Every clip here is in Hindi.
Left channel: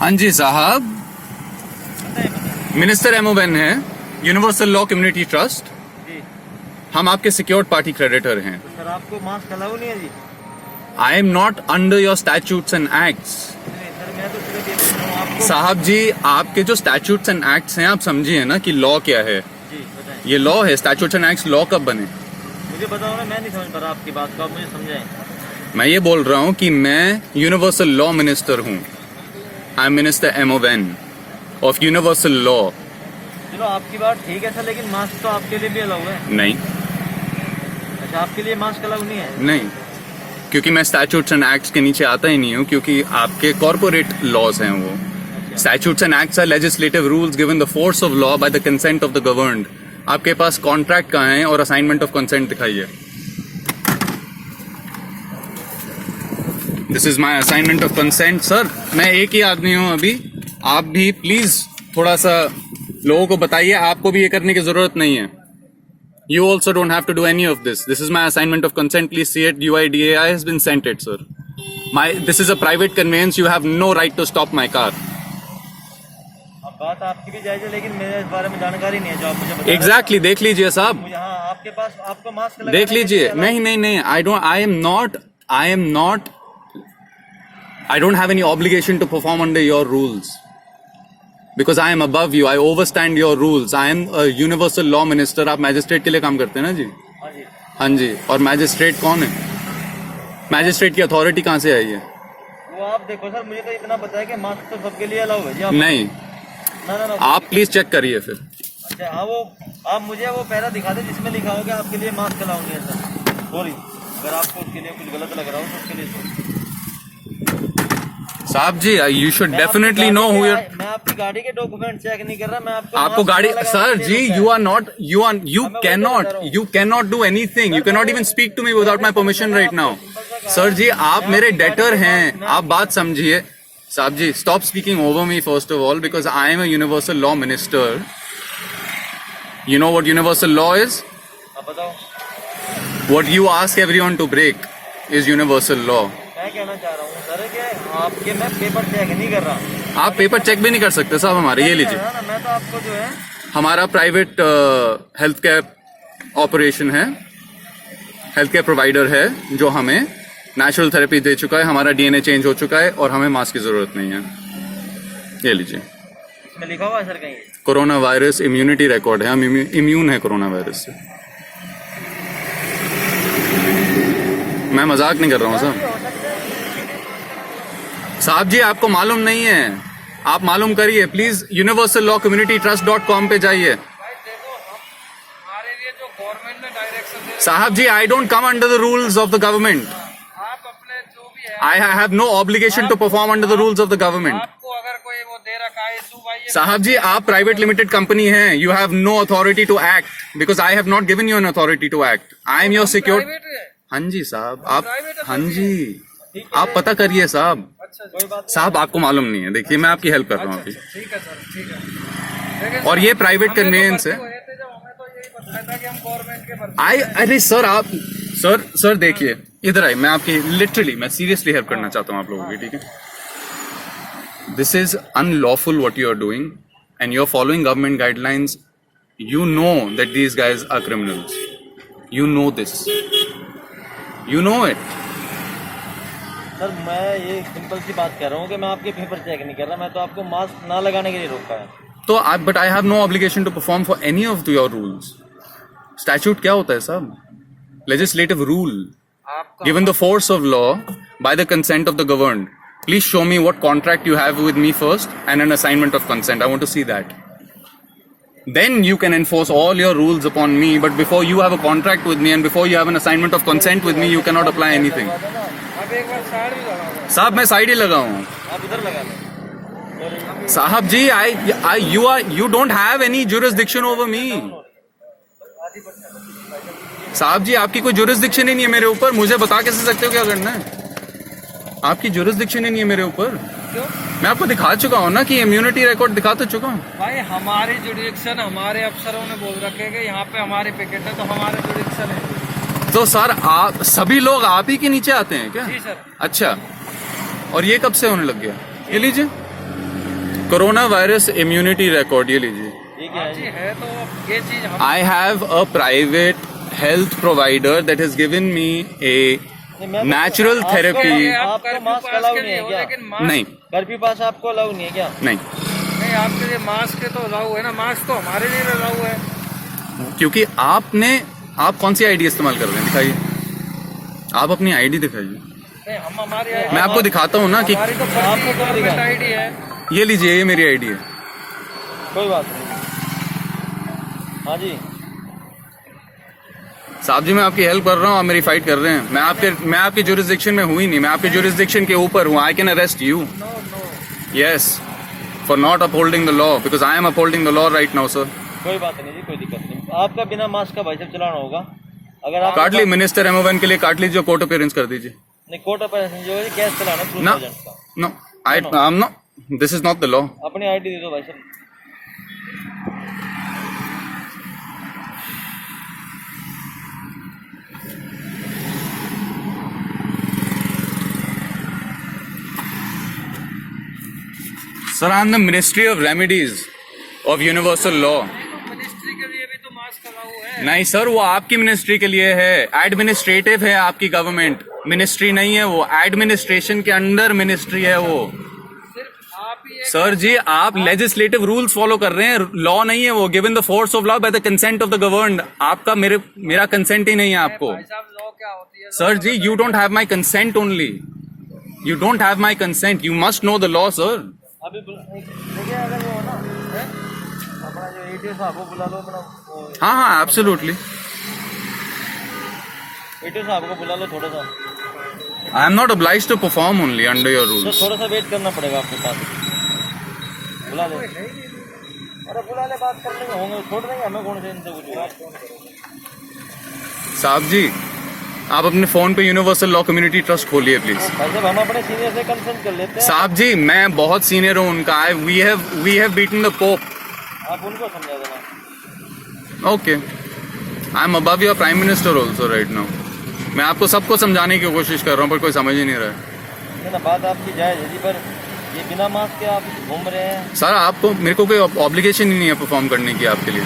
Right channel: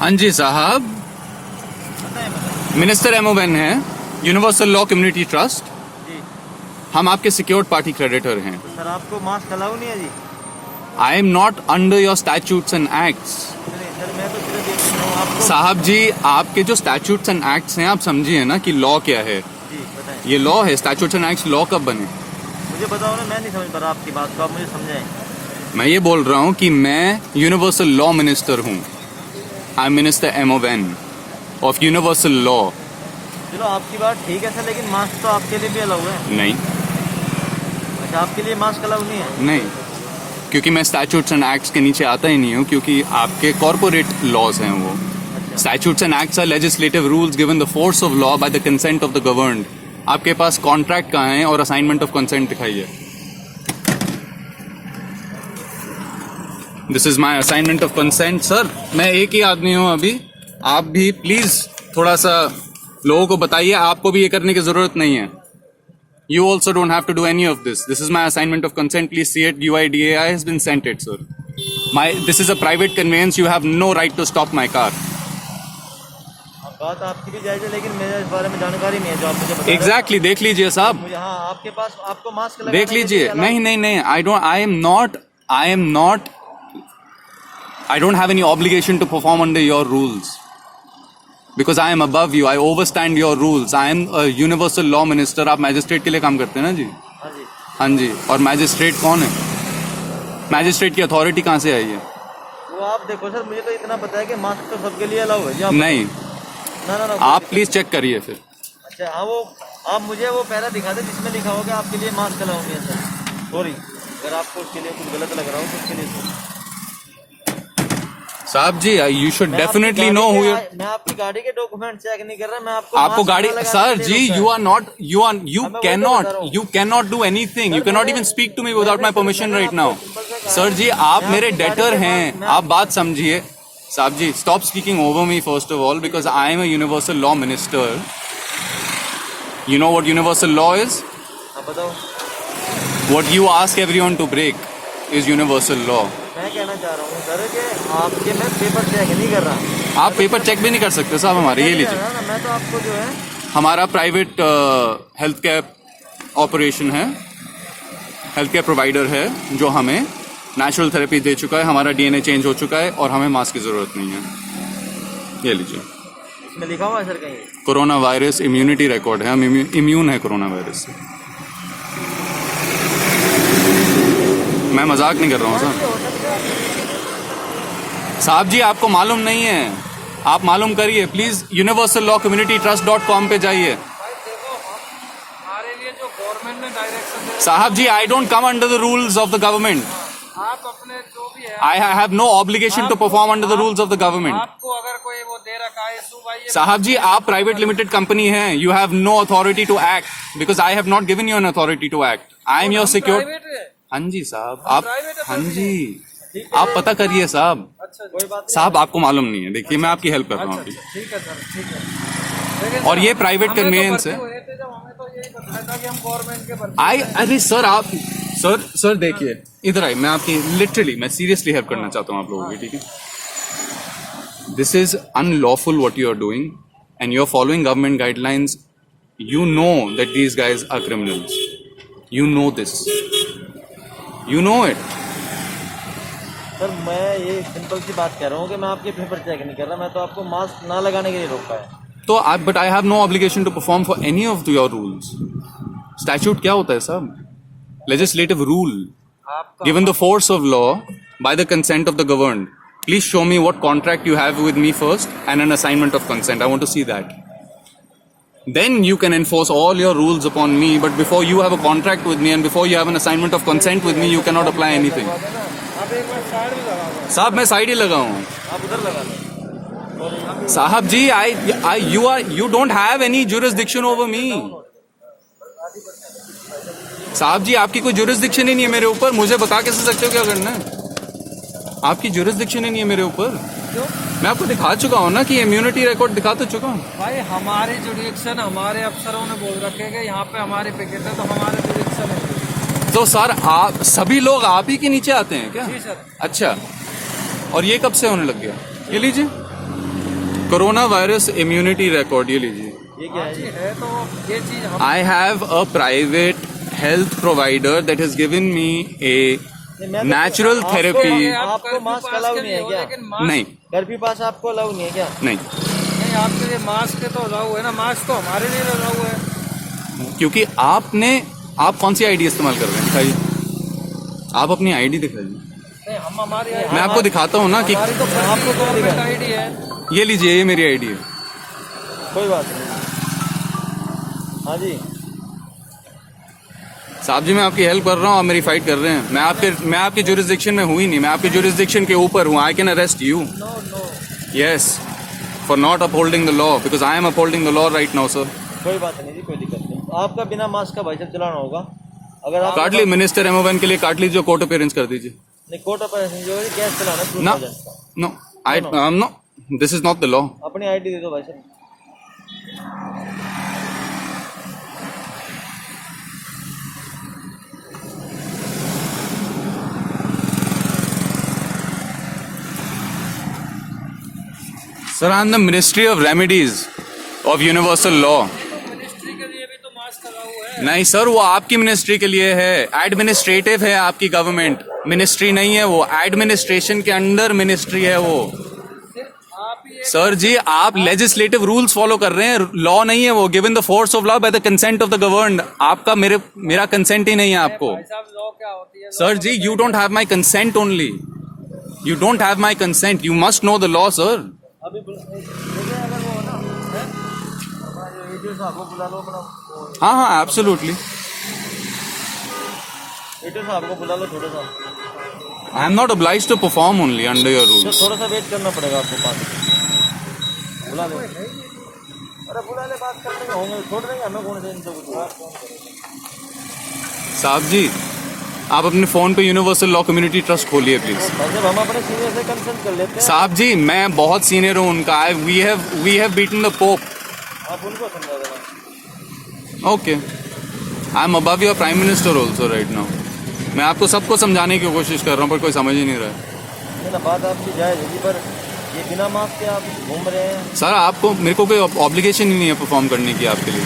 हाँ जी साहब, मिनिस्टर एमओवेन है, यूनिवर्सल लॉ कम्युनिटी ट्रस्ट। जी हम आपके सिक्योर्ड पार्टी क्रेडिटर हैं। तो सर आपको मास्क अलाउ नहीं है जी? I am not under your statutes and acts. नहीं सर, मैं तो सिर्फ ये पूछ रहा हूँ आपको। साहब जी, आपके जो स्टैट्यूट्स एंड एक्ट्स हैं, आप समझिए ना कि लॉ क्या है। जी बताएं। ये लॉ है, स्टैट्यूट्स एंड एक्ट्स लॉ कब बने? मुझे बताओ ना, मैं नहीं समझ पा रहा आपकी बात को, आप मुझे समझाएं। मैं ये बोल रहा हूँ कि मैं यूनिवर्सल लॉ मिनिस्टर हूँ। आई एम मिनिस्टर एमओवेन ऑफ यूनिवर्सल लॉ। चलो आपकी बात ठीक है सर, लेकिन मास्क तो आपके लिए भी अलाउ है। नहीं अच्छा, आपके लिए मास्क अलाउ नहीं है? नहीं, क्योंकि मैं स्टैट्यूट्स एंड एक्ट्स के नीचे आता ही नहीं हूँ, क्योंकि आपके कॉर्पोरेट लॉज हैं वो। Statutes and acts are legislative rules given the force of law by the consent of the governed. आपके पास कॉन्ट्रैक्ट कहाँ है और असाइनमेंट ऑफ कंसेंट दिखाइए। This is my assignment of consent. Sir, मैं एक ही आदमी हूँ अभी, आप भी प्लीज थोड़ा सा लोगों को बताइए, आपको भी ये करने की जरूरत नहीं है। You also don't have to do any of this. This is my assignment of consent. Please see it. UIDAI has been sent it, sir. This is a private conveyance. You have no right to stop my car. अब बात आपकी भी जायज है, लेकिन मेरे इस बारे में जानकारी नहीं है जो आप मुझे बता Exactly. देख लीजिए साहब, मुझे। हाँ, आपके पास आपको मास्क लगाने देख के लिए लीजिए। allow- नहीं नहीं नहीं, I don't have any obligation to perform under your rules. Because I am above you. I overstand your rules. I am a universal law minister. आप मैजिस्ट्रेट के लिए काम करते हैं ना जी? हाँ जी। हाँ जी। और मैजिस्ट्रेट कौन है? मैजिस्ट्रेट की अथॉरिटी कहाँ से आई है? वो आप देखो सर, मुझे तो इतना पता है कि मास्क तो सबके लिए अलाउ है जी। नहीं, ना आप प्लीज चेक करिए फिर। अच्छा हाँ, वो आप मुझे वो पैरा दिखा दे जिसमें लिखा होगा आपके लिए मास्क अलाउ नहीं है सर। सॉरी, अगर आपको उसके लिए कुछ गलत लग रहा हो तो उसके लिए साहब जी, you should definitely know who you're. मैं आपकी गाड़ी के डॉक्यूमेंट चेक नहीं कर रहा, मैं आपको आपको मास्क गाड़ी, लगाने सर के जी, लिए you cannot do anything. You cannot even speak to me without my permission right now. Sir जी, आप मेरे डेटर हैं, आप बात समझिए। साहब जी, stop speaking over me first of all, because I am a universal law minister. You know what universal law is? आप बताओ। What you ask everyone to break is universal law. मैं कहना चाह रहा हूँ सर कि आपके मैं पेपर चेक नहीं कर रहा। आप पेपर चेक भी नहीं कर सकते साहब हमारे, ये लीजिए। मैं तो आपको जो है हमारा प्राइवेट हेल्थ केयर ऑपरेशन है, हेल्थ केयर प्रोवाइडर है, जो हमें नेचुरल थेरेपी दे चुका है। हमारा डीएनए चेंज हो चुका है और हमें मास्क की जरूरत नहीं है। ये लीजिए, इसमें लिखा हुआ है सर कहीं? कोरोना वायरस इम्यूनिटी रिकॉर्ड है, हम इम्यून है कोरोना वायरस से। मैं मजाक नहीं कर रहा हूँ सर। साहब जी, आपको मालूम नहीं है, आप मालूम करिए प्लीज। यूनिवर्सल लॉ कम्युनिटी ट्रस्ट.com पे जाइए। हमारे लिए जो गवर्नमेंट ने डायरेक्शन दे साहब जी, I don't come under the rules of the government. आप अपने जो भी है I have no obligation to perform under the rules of the government. आपको अगर कोई वो दे रखा है सुबाई साहब जी, आप प्राइवेट लिमिटेड कंपनी हैं। You have no authority to act because I have not given you an authority to act. I am your secure. हाँ जी साहब, आप, हाँ जी, आप पता करिए साहब। कोई बात साहब, आपको मालूम नहीं है। देखिए, मैं आपकी हेल्प कर रहा हूँ अभी। ठीक है सर, ठीक है। और ये प्राइवेट कन्वेंस है। जब हमें तो यही बताया था कि हम गवर्नमेंट के भर्ती अरे सर, आप सर देखिए, इधर आइए। मैं आपकी लिटरली, मैं सीरियसली हेल्प करना चाहता हूँ आप लोगों की, ठीक है? This is unlawful what you are doing and you are following government guidelines. You know that these guys are criminals. You know this, you know it. Sir, मैं ये सिंपल सी बात कह रहा हूँ कि मैं आपके पेपर चेक नहीं कर रहा, मैं तो आपको मास्क ना लगाने के लिए रोका है। तो but I have no obligation to perform for any of your rules. Statute क्या होता है साहब? Legislative rule given the force of law by the consent of the governed. Please show me what contract you have with me first and an assignment of consent. I want to see that. Then you can enforce all your rules upon me, but before you have a contract with me and before you have an assignment of consent with me, you cannot apply anything. आप एक बार साइड भी लगाओ। साहब, मैं साइड ही लगा हूँ। आप इधर लगा लो। साहब जी, you don't have any jurisdiction over me. साहब जी, आपकी कोई jurisdiction ही नहीं है मेरे ऊपर। मुझे बता कैसे सकते हो क्या करना है? आपकी jurisdiction ही नहीं है मेरे ऊपर। क्यों? मैं आपको दिखा चुका हूँ ना कि इम्यूनिटी रिकॉर्ड दिखा तो चुका हूँ। भाई, हमारी जुडिक्शन हमारे अफसरों ने बोल रखे कि यहाँ पे हमारे पिकेट है, तो हमारे जुडिक्शन है। तो सर, आप सभी लोग आप ही के नीचे आते हैं क्या? जी सर। अच्छा, और ये कब से होने लग गया? ये लीजिए, कोरोना वायरस इम्यूनिटी रिकॉर्ड ये लीजिए. ये क्या है जी? है तो ये चीज हम I have a private health provider that has given me a नहीं, मैं तो- natural आपको- therapy. आपको मास्क अलाउ नहीं है क्या? लेकिन मास्क नहीं कर्फ्यू पास आपको अलाउ नहीं है क्या? नहीं, नहीं, आपके लिए मास्क तो अलाउ है ना, मास्क तो हमारे लिए अलाउ है। क्योंकि आप कौन सी आईडी इस्तेमाल कर रहे हैं, दिखाइए. आप अपनी आईडी दिखाइए. नहीं, हम हमारी मैं आपको दिखाता हूँ ना कि हमारी तो आपको कौन दिखा? गवर्नमेंट आईडी है। ये लीजिए, ये मेरी आईडी है. कोई बात नहीं. हाँ जी, साहब जी मैं आपकी हेल्प कर रहा हूँ, आप मेरी फाइट कर रहे हैं. मैं आपके जुरिस्डिक्शन में हूँ ही नहीं, मैं आपके जुरिस्डिक्शन के ऊपर हूँ. I can arrest you. No no, yes, for not upholding the law, because I am upholding the law right now sir. कोई बात नहीं जी, कोई दिक्कत नहीं. आपका बिना मास्क का भाई साहब चलाना होगा. अगर आप काट ली मिनिस्टर एमओवन के लिए, काट लीजिए, कोर्ट अपीयरेंस कर दीजिए. नहीं, कोर्ट ऑफ जो है कैश चलाना है, ना. प्रूफ एजेंट का. No, I am no, this is not the law. अपनी आईडी दे दो भाई साहब. Sir, I am the Ministry of Remedies of Universal Law. तो मिनिस्ट्री के लिए भी तो मास्क अलाउ है। नहीं सर, वो आपकी मिनिस्ट्री के लिए है. एडमिनिस्ट्रेटिव है आपकी गवर्नमेंट, मिनिस्ट्री नहीं है वो. एडमिनिस्ट्रेशन के अंडर मिनिस्ट्री है वो. सिर्फ आप ही एक सर जी, आप लेजिस्लेटिव रूल्स फॉलो कर रहे हैं, लॉ नहीं है वो. Given the force of law by the consent of the governed. आपका मेरा कंसेंट ही नहीं है आपको. भाई साहब, लॉ क्या होती है? सर जी, you don't have my consent only. You don't have my consent. You must know the law sir. अभी मुझे अगर वो ना है, अपना जो एटीओ साहब को बुला लो. अपना वो हाँ हाँ, एब्सोल्युटली. एटीओ साहब को बुला लो थोड़ा सा. आई am not obliged to perform only under your तो rules. थोड़ा सा वेट करना पड़ेगा आपके पास. बुला लो. अरे बुला ले, बात कर लेंगे, होंगे छोड़ देंगे हमें. कौन से इनसे कुछ बात कौन करेगा? साहब जी, आप अपने फोन पे यूनिवर्सल लॉ कम्युनिटी ट्रस्ट खोलिए प्लीज. भाई साहब, हम अपने सीनियर से कंसल्ट कर लेते हैं. साहब जी, मैं बहुत सीनियर हूँ उनका. We have beaten the Pope. आप उनको समझा देना. Okay, I am above your prime minister also right now. मैं आपको सबको समझाने की कोशिश कर रहा हूँ, पर कोई समझ ही नहीं रहा है. ये ना बात आपकी जायज है जी, पर ये बिना मास्क के आप घूम रहे हैं. सर, आपको मेरे को कोई ऑब्लिगेशन ही नहीं है परफॉर्म करने की आपके लिए.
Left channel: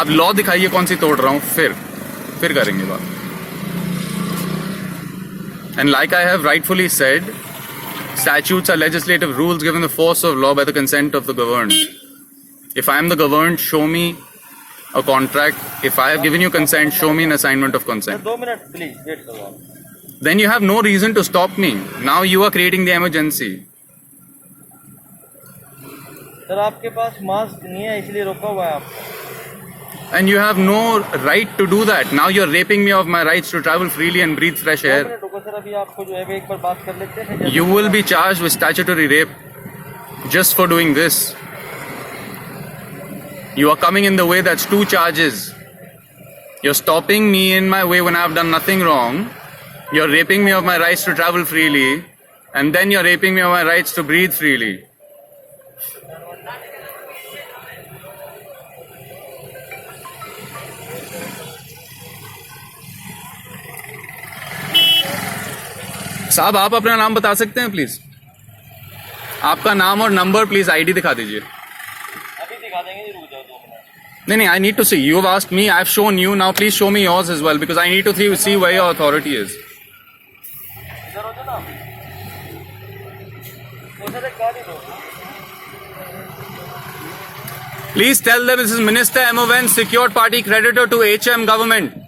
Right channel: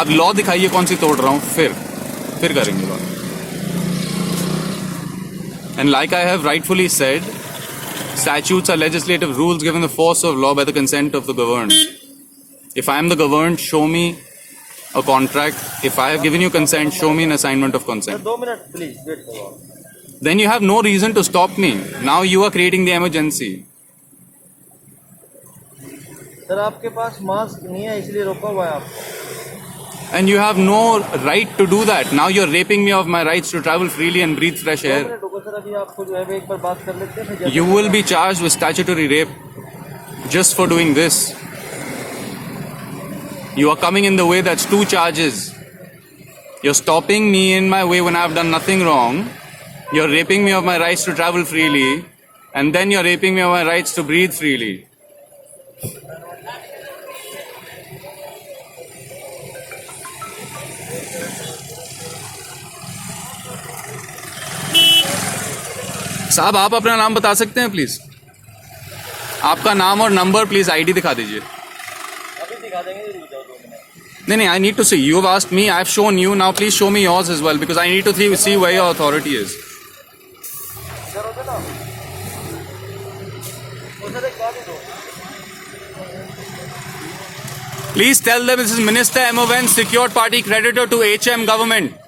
आप लॉ दिखाइए कौन सी तोड़ रहा हूँ, फिर करेंगे बात. And like I have rightfully said, statutes are legislative rules given the force of law by the consent of the governed. If I am the governed, show me a contract. If I have given you consent, show me an assignment of sir consent. 2 minute please wait करो आप. Then you have no reason to stop me. Now you are creating the emergency. Sir आपके पास मास्क नहीं है इसलिए रोका हुआ है आपको. And you have no right to do that. Now you're raping me of my rights to travel freely and breathe fresh 2 air. Minute रुको सर, अभी आपको जो है वो एक बार बात कर लेते हैं. फिर You will be charged with statutory rape just for doing this. You are coming in the way, that's 2 charges. You're stopping me in my way when I've done nothing wrong. You're raping me of my rights to travel freely. And then you're raping me of my rights to breathe freely. साहब, आप अपना नाम बता सकते हैं प्लीज? आपका नाम और नंबर प्लीज, आईडी दिखा दीजिए. अभी दिखा देंगे जी, रुक जाओ 2 मिनट. नहीं, I need to see. You've asked me, I've shown you. Now please show me yours as well, because I need to see where your authority is. इधर हो जाओ ना. उधर एक गाड़ी दो. Please tell them this is Minister MON, secured party creditor to HM government.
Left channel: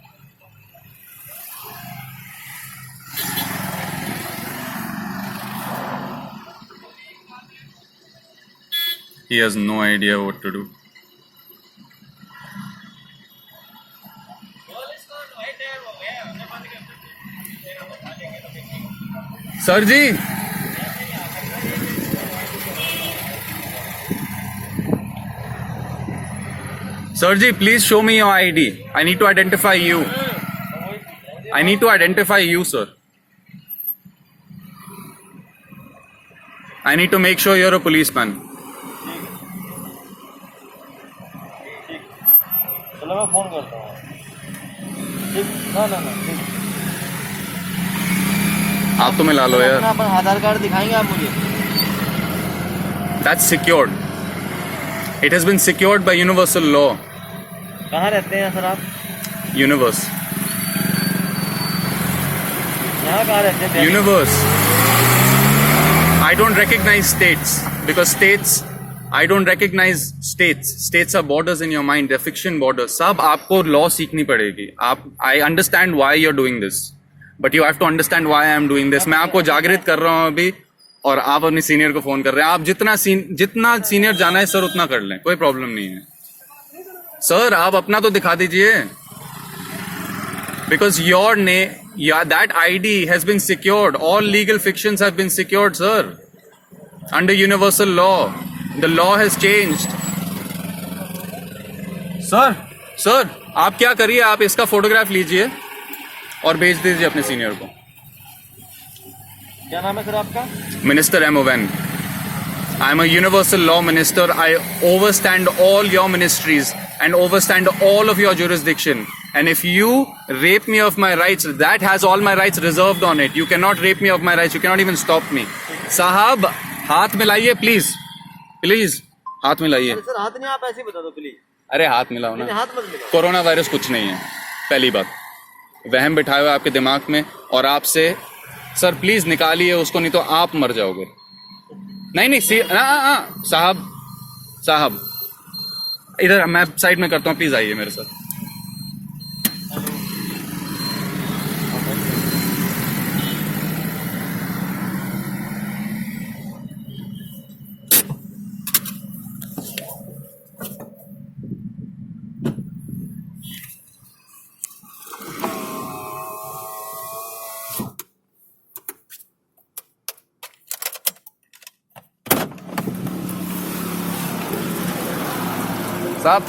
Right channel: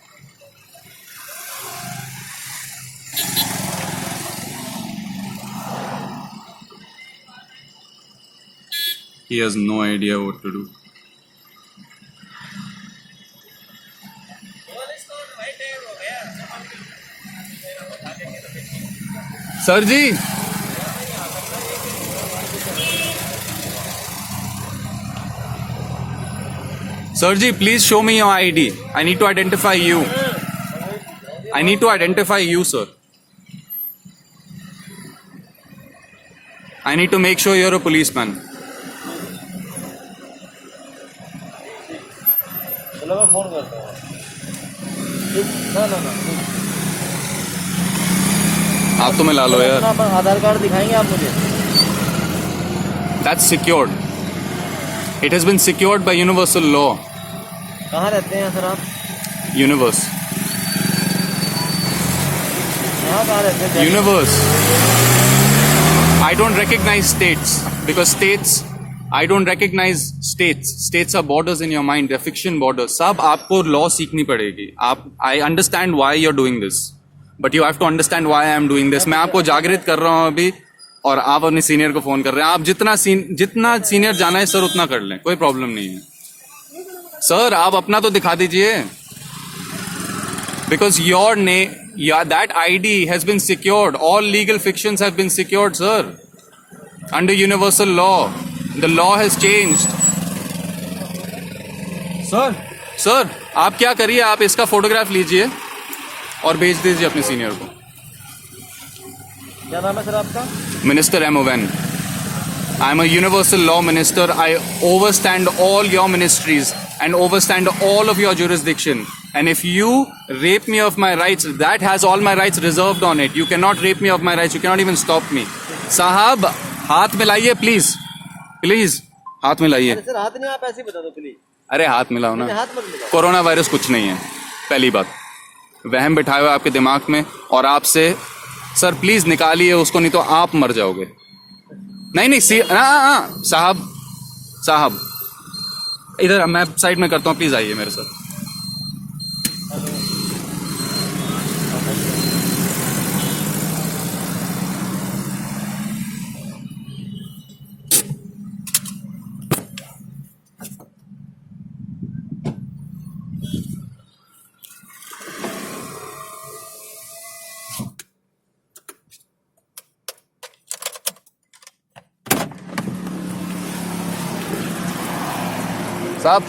He has no idea what to do. Sir जी, सर जी, please show me your ID. I need to identify you. I need to identify you, sir. I need to make sure you're a policeman. चलो मैं फोन करता हूँ. ठीक, ना ठीक. आप तो मिला लो यार. अपना आधार कार्ड दिखाएंगे आप मुझे? That's secured. It has been secured by universal law. कहाँ रहते हैं सर आप? Universe. यहाँ कहाँ रहते हैं? Universe. I don't recognize states because states. I don't recognize states. States are borders in your mind. They're fiction borders. साहब आपको law सीखनी पड़ेगी. I understand why you're doing this, but you have to understand why I am doing this. मैं आपको जागृत कर रहा हूँ अभी, और आप अपने सीनियर को फोन कर रहे हैं. आप जितना सीनियर जाना है सर उतना कर लें, कोई प्रॉब्लम नहीं है. सर आप अपना तो दिखा दीजिए. Because your name, that ID has been secured. All legal fictions have been secured, sir. Under universal law. The law has changed. Sir आप क्या करिए, आप इसका फोटोग्राफ लीजिए और भेज दीजिए अपने सीनियर को. क्या नाम है सर आपका? Minister M.O.N. I am a universal law minister. I overstand all your ministries and overstand all of your jurisdiction. And if you rape me of my rights, that has all my rights reserved on it. You cannot rape me of my rights. You cannot even stop me. साहब हाथ मिलाइए प्लीज, प्लीज हाथ मिलाइए. सर हाथ नहीं, आप ऐसे ही बता दो प्लीज. अरे हाथ मिलाओ ना. हाथ मत मिलाओ. कोरोना वायरस कुछ नहीं है. पहली बात, वहम बिठाए हुए आपके दिमाग में, और आपसे सर प्लीज निकालिए उसको, नहीं तो आप मर जाओगे. नहीं साहब इधर मैं साइड में करता हूँ, प्लीज आइए मेरे साथ. साहब